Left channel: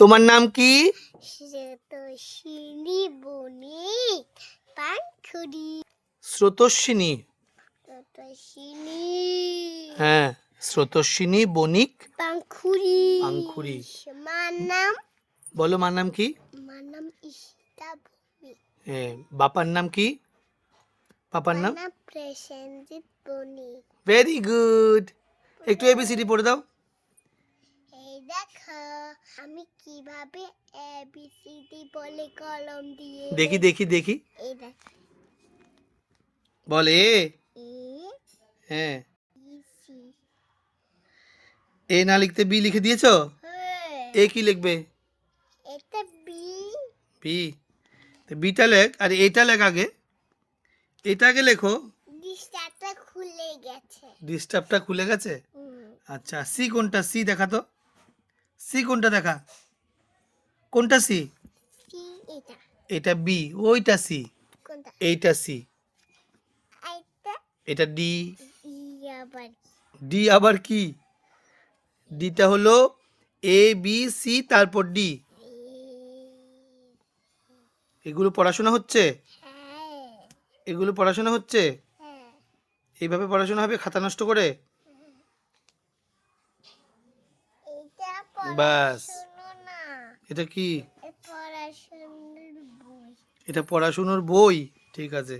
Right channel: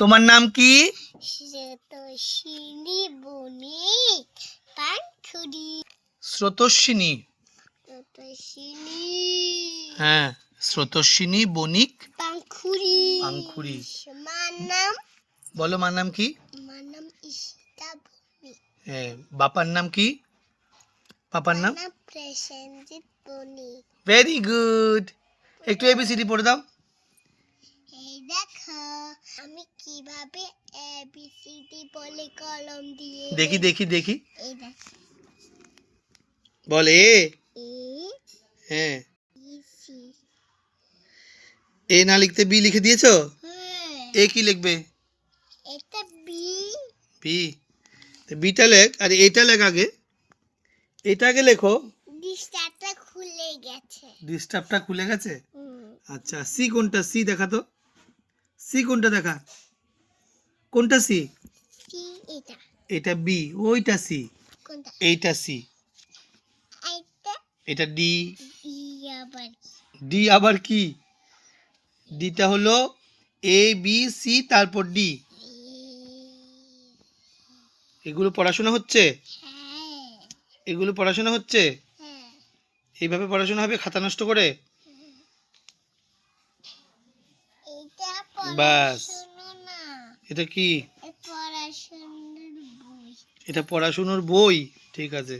তোমার নাম কি? স্রোতস্বিনী বণিক পানখুড়ি। স্রোতস্বিনী। স্রোতস্বিনী হ্যাঁ, স্রোতস্বিনী বণিক পানখুড়ি। পানখুড়ি। মার নাম? বলো মার নাম কি? মার নাম ঈশিতা বণিক। হ্যাঁ, বাবার নাম কি? পাপার নাম? প্রসেনজিৎ বণিক। Very good. একটু এবিসিডি পড়ে দাও। এই দেখো আমি কিভাবে এবিসিডি বলে কলম দিয়ে। দেখি দেখি দেখি। এই দেখো বল এ। এ হ্যাঁ। B C. এ না লিখতে বি লিখে দিয়েছো? হ্যাঁ। এ কি লিখবে? এটা বি। বি। তো বিটা লেখ আর এটা লেখ আগে। এটা আগে লেখো। ডিস্টারটা খুলে গেছে। ডিস্টার্বটা খুলে গেছে। আচ্ছা, সি কোনটা? সি দেখা তো। সি কোনটা দেখা। কোনটা সি? সি এটা। এটা বি। ওইটা সি। কোনটা? এইটা সি। এটা এটা ডি। ই আবার ডি আবার কি? ডিটা হলো এ বি সি তারপর ডি। এগুলো পড়াশোনা হচ্ছে? হ্যাঁ। এগুলো পড়াশোনা হচ্ছে? হ্যাঁ। এইভাবে পড়াশোনা হবে খাতা নষ্ট করে? এটা বাস। পড়াশোনা না, এটা কি? পড়াশোনার বই। এটা পড়াশোনার বই। ঠিক আছে।